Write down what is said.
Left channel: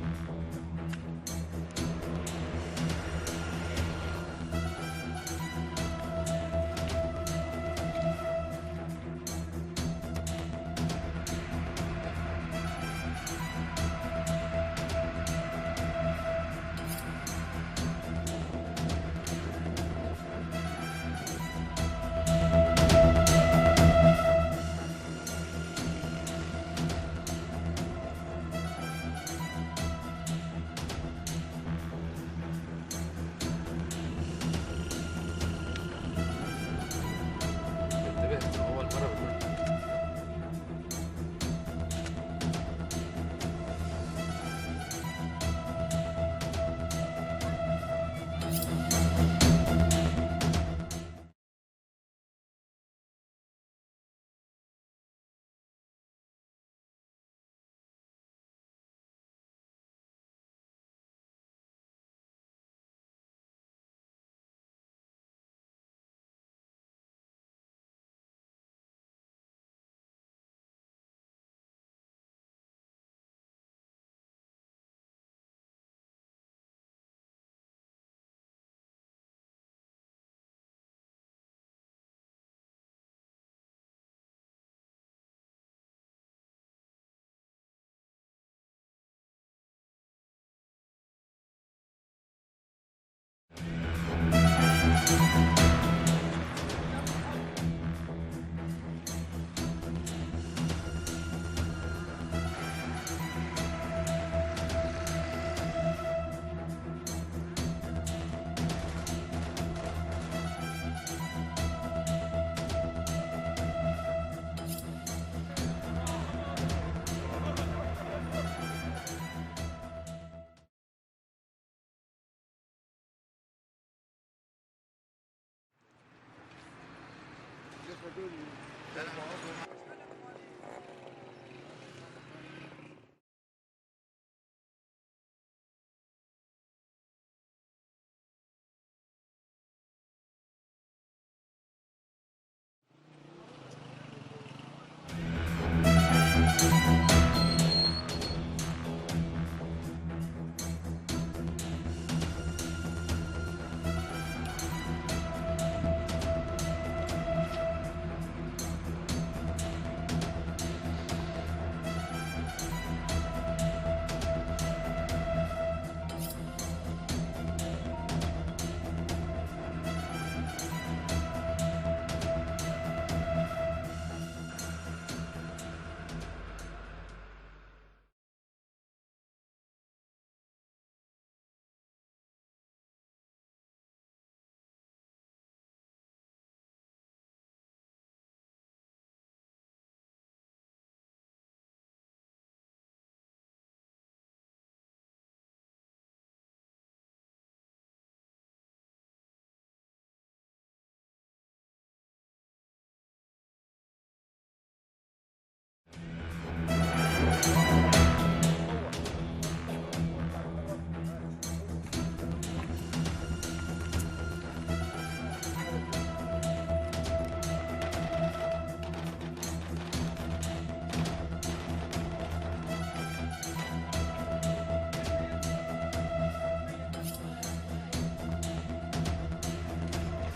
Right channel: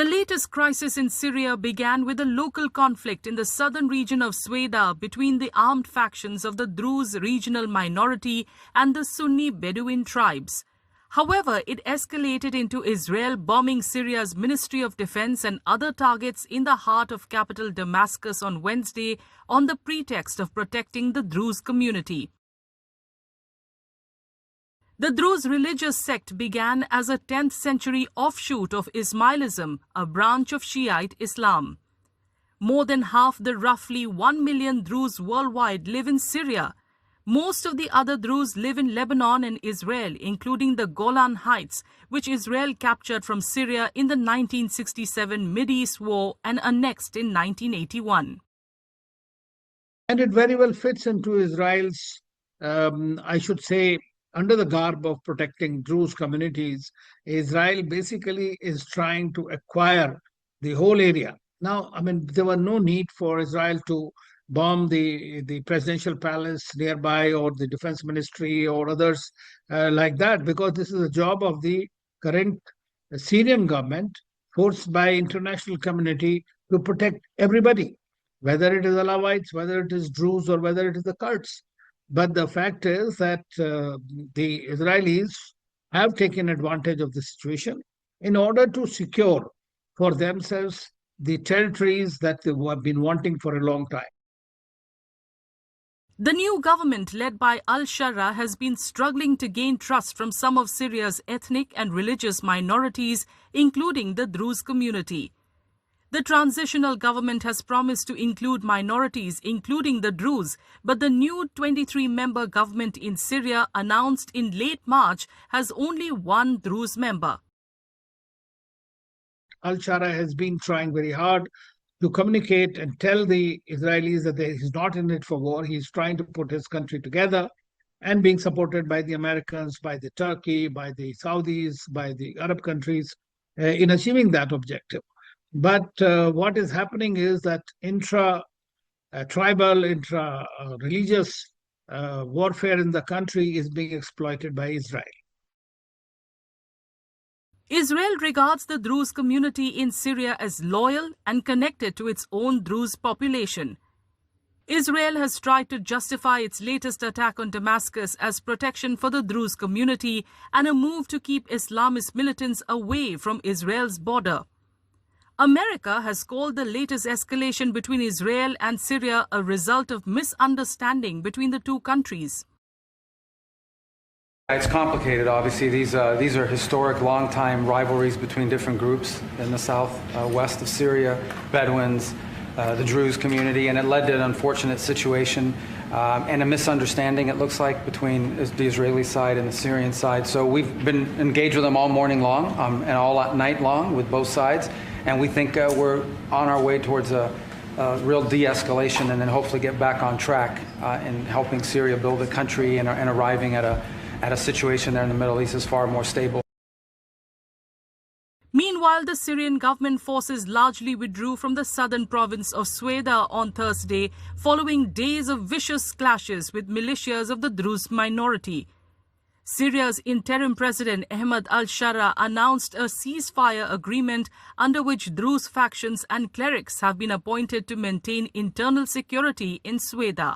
The latest crisis in Syria began with a local conflict in the southern region of Sweida between the armed factions of the Druze regional minority and the Sunni Bedouin tribes. However, it escalated into Israel bombing Syria's Ministry of Defense and other targets in the heart of capital Damascus on Wednesday on the pretext of protecting the Druze community. The Druze religious sect began as a 10th century offshoot of Ismailism, a branch of Shiite Islam. More than half the roughly 1 million Druze worldwide live in Syria. Most of the other Druze live in Lebanon and Israel, including the Golan Heights, which Israel captured from Syria in the 1967 Mideast War and annexed in 1981. And it very well fits into Israel's, I should say, under the garb of protecting Druze communities. Israel basically is trying to acquire the whole area. Now, there was no need for Israel to bomb the presidential palace nearby or the defense ministry or others like that, because this is a job of the current Syrian government, forced by international community to protect everybody, whether it is Alawites, whether it is Druze, or whether it is the Kurds. But the fact is that the Israelis have taken advantage of the situation in order to secure for themselves the territories that they have been wanting for a long time. The new government led by al-Shara has been struggling to gain trust from some of Syria's ethnic and religious minorities, including the Druze community. The transitional government has promised to include minorities, including the Druze, but the new 23-member government in Syria, announced in late March, has only one Druze member. Al-Shara has been trying very hard to communicate and tell the Israelis that he's not in it for war. He's trying to put his country together, and being supported by the Americans, by the Turkey, by the Saudis, by the Arab countries in achieving that objective. But what is happening is that intra-tribal, intra-religious warfare in the country is being exploited by Israel. Israel regards the Druze community in Syria as loyal and connected to its own Druze population. Israel has tried to justify its latest attack on Damascus as protection for the Druze community and a move to keep Islamist militants away from Israel's border. America has called the latest escalation between Israel and Syria a result of misunderstanding between the two countries. It's complicated, obviously. These are historic, long-time rivalries between different groups in the southwest of Syria, Bedouins, the Druze community, and it led to an unfortunate situation and a misunderstanding, it looks like, between the Israeli side and the Syrian side. So we've been engaged with them all morning long and all night long with both sides, and we think we're on our way towards a real de-escalation and then hopefully get back on track in helping Syria build a country and arriving at a situation there in the Middle East is far more stable. Meanwhile, the Syrian government forces largely withdrew from the southern province of Sweida on Thursday, following days of vicious clashes with militias of the Druze minority. Syria's interim president Ahmed al-Shara announced a ceasefire agreement under which Druze factions and clerics have been appointed to maintain internal security in Sweida.